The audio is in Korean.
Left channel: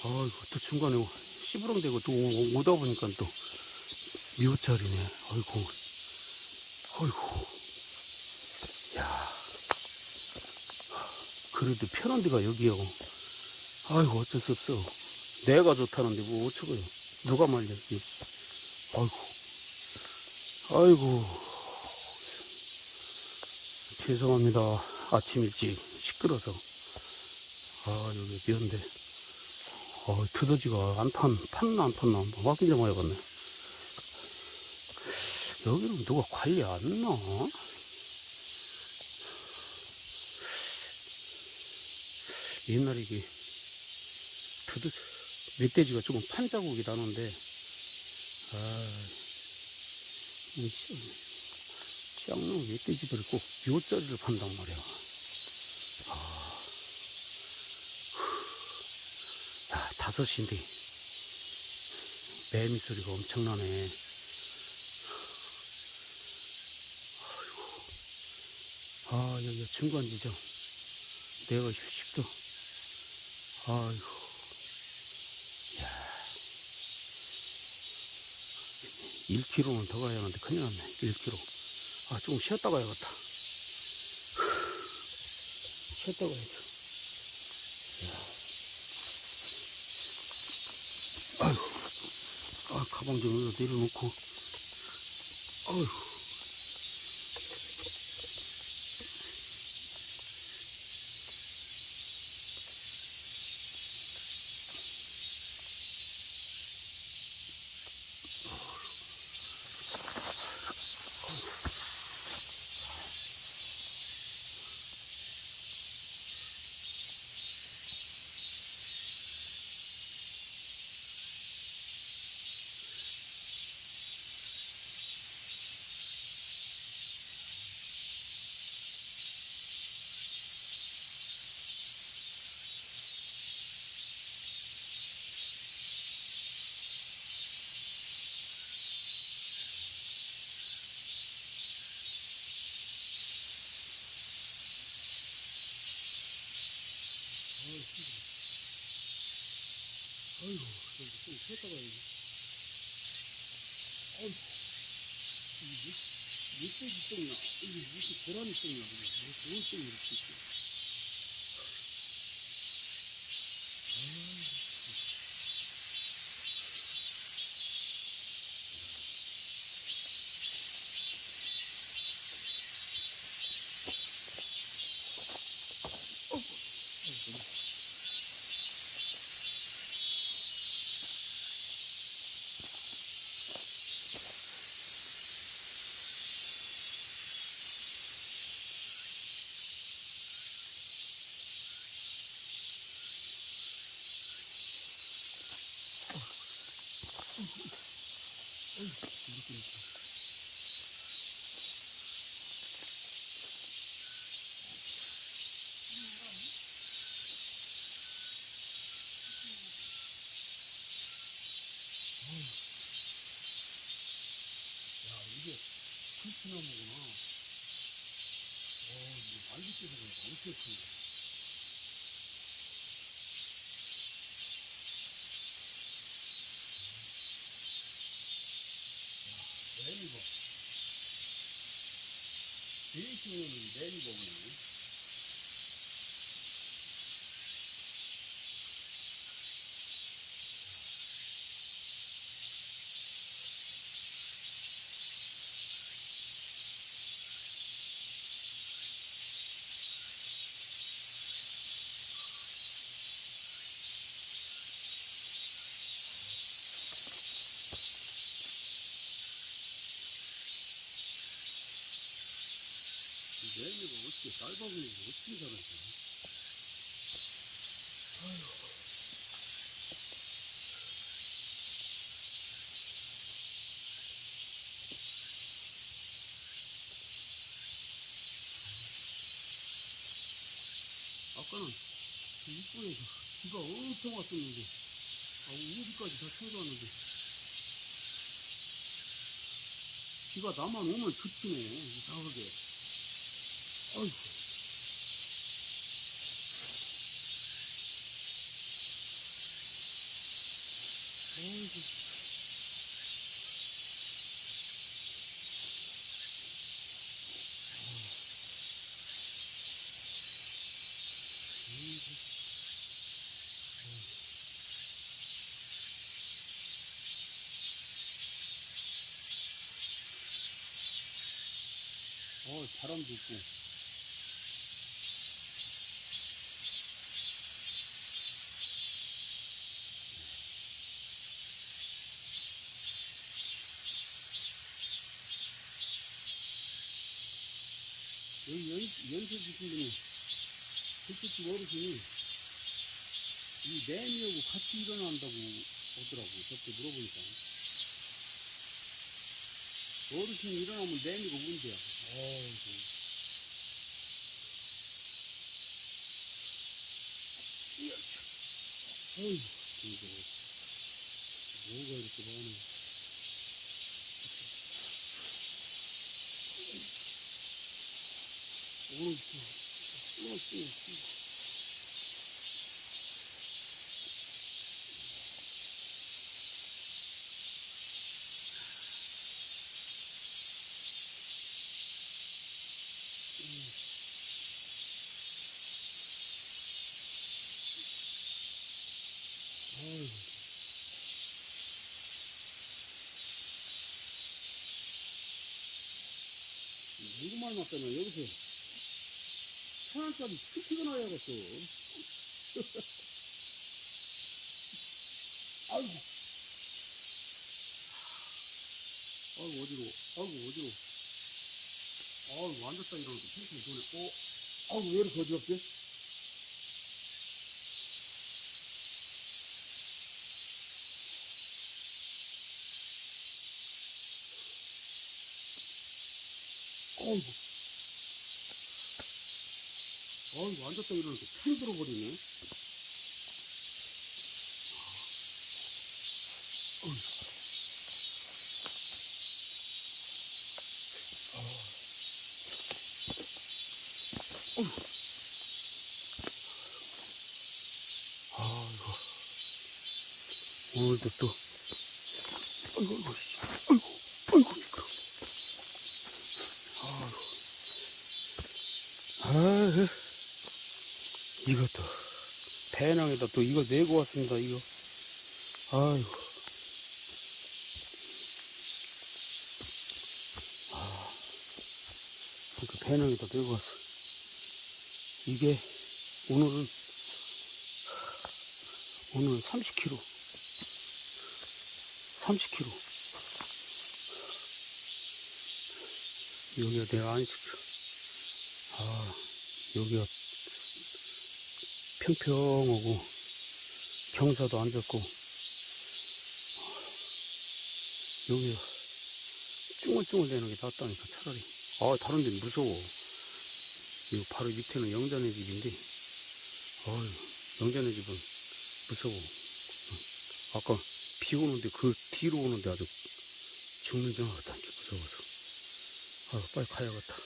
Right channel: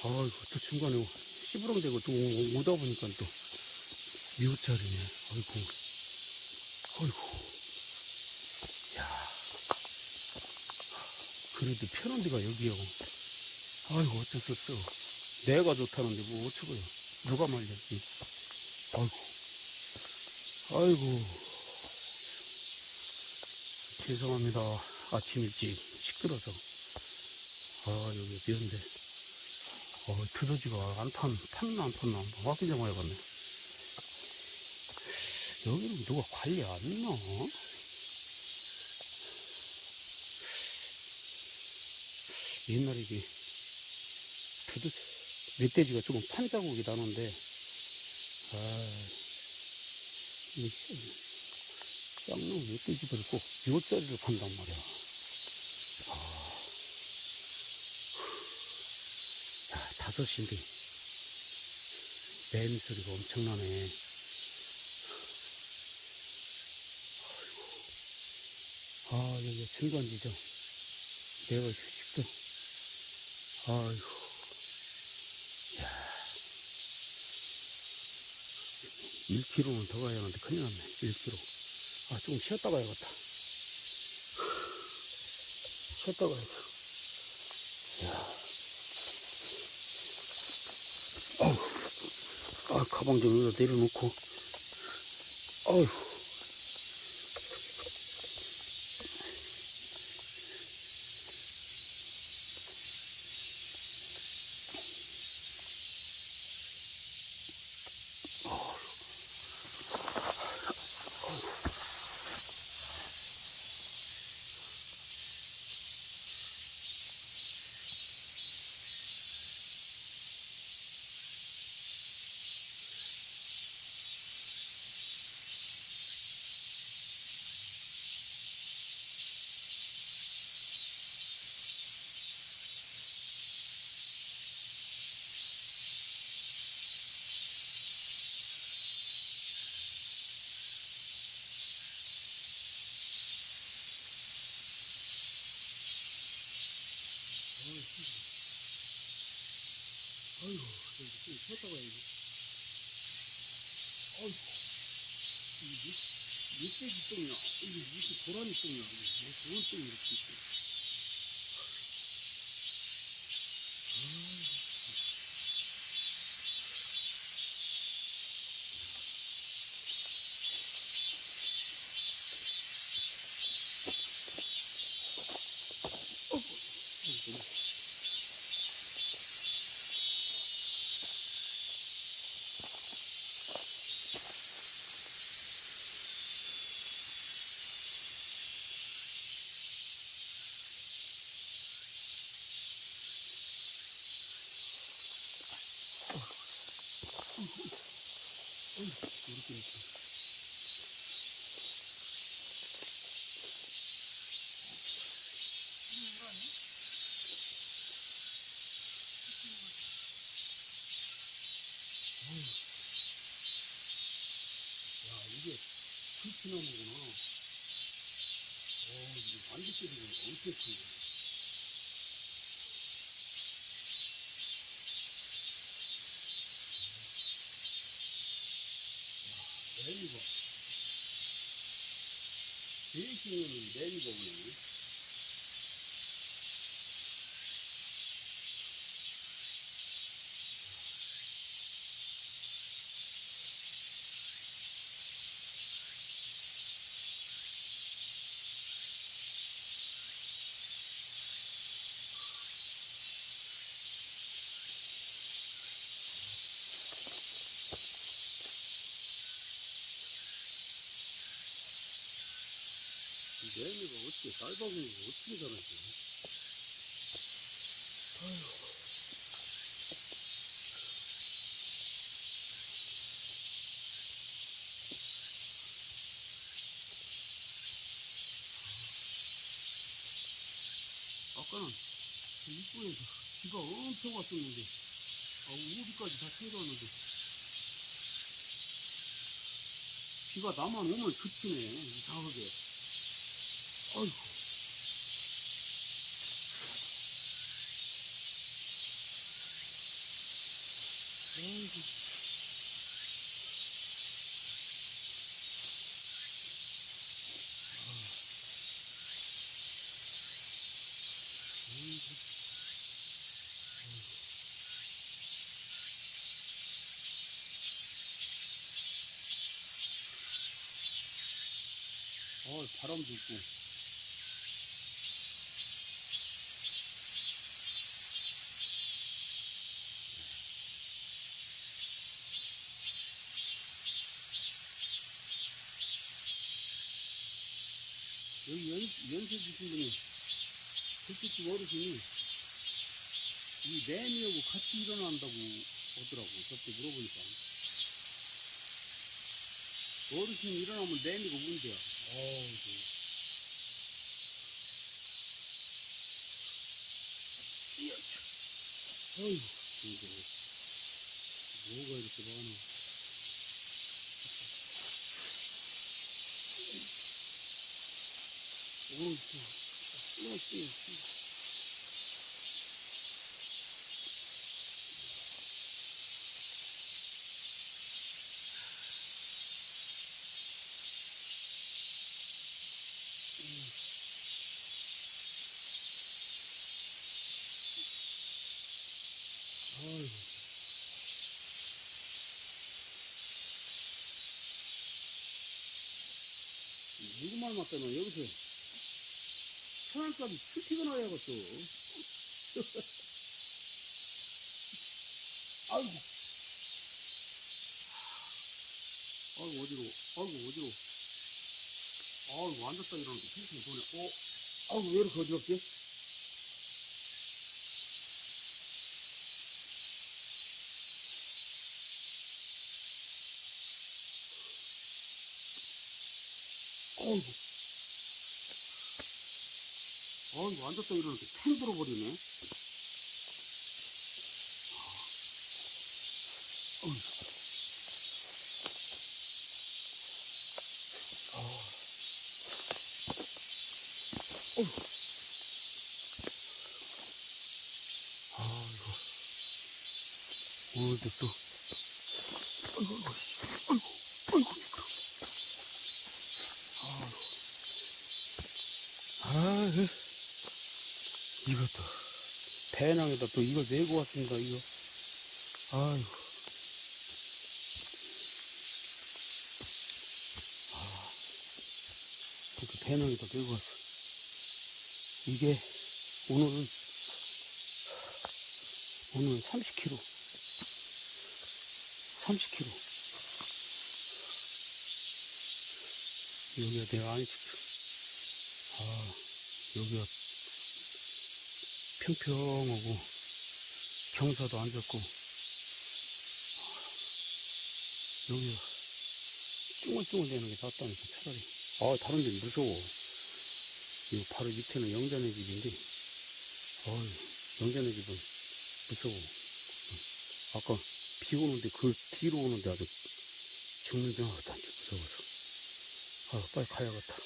아이고, 또 중간에 씨부렁대고 또 오다 보니까 또 미호짜리네. 아이고, 아이고. 야, 그래도 편한 데가 여기요. 아이고, 어쩔 수 없어. 내가 좋다는데 뭐 어쩌게. 누가 말렸지. 아이고, 아이고. 죄송합니다. 아침 일찍 시끄러서. 아, 여기 미안데. 두더지가 안 팠나 안 팠나 확인 좀 해야겠네. 여기는 누가 관리 안 했나? 옛날에 이게 멧돼지가 조금 판 자국이 나는데, 쌍놈 멧돼지들이 꼭 묘자리를 판단 말이야. 야, 5시인데 매미 소리가 엄청나네. 여기 중간지점. 내가 휴식도. 아이고. 야, 1km는 더 가야 하는데 큰일 났네. 1km. 조금 쉬었다 가야겠다. 쉬었다 가야겠다. 아이고. 가방 좀 여기다 내려놓고. 아이고. 아이고, 좀 쉬었다 가야지. 아이고, 이게 멧돼지 똥이야. 이게 무슨 고라니 똥이야. 이게 좋은 똥이 이렇게 있어. 이렇게. 이게 불편한 거구나. 이게 안개끼리가 엄청 크네. 매미가. 제일 쉬운 매미가 있네. 매미가 어떻게 쌀바구니를 어떻게 잡았어? 아까는 그 입구에서 비가 엄청 왔었는데, 우비까지 다 챙겨왔는데, 비가 나만 오면 그치네, 이상하게. 아이고. 아이고. 바람도 있고. 여기 연세 주신 분이, 그쪽 어르신이, 이 매미하고 같이 일어난다고 하더라고. 저때 물어보니까. 어르신이 일어나면 매미가 운대야. 어이구. 어이구, 이게 뭐가 이렇게 많아. 어이구. 아이고. 누구 말 맞다면 여기서 천안까지 큐티가 나야겠어. 아이고. 아이고, 어지러워. 아이고, 어지러워. 아이고, 앉았다 일어나는데 탱탱이 도네. 아이고, 왜 이렇게 어지럽지? 아이고. 아이고, 앉았다 일어나는데 탱 들어버리네. 아이고. 오늘도 또. 아이고, 아이고. 아이고. 이것도. 배낭에다 또 이거 내고 왔습니다, 이거. 아이고. 이렇게 배낭에다 내고 왔어. 이게, 오늘은 30kg. 30kg. 여기가 내가 안 시켜. 여기가 평평하고, 경사도 안 좋고, 여기가 쭈글쭈글 되는 게 낫다니까, 차라리. 다른 데는 무서워. 이거 바로 밑에는 영자네 집인데, 영자네 집은 무서워. 아까 비 오는데 그 뒤로 오는데 아주 죽는 줄 알았다. 무서워서. 빨리 가야겠다.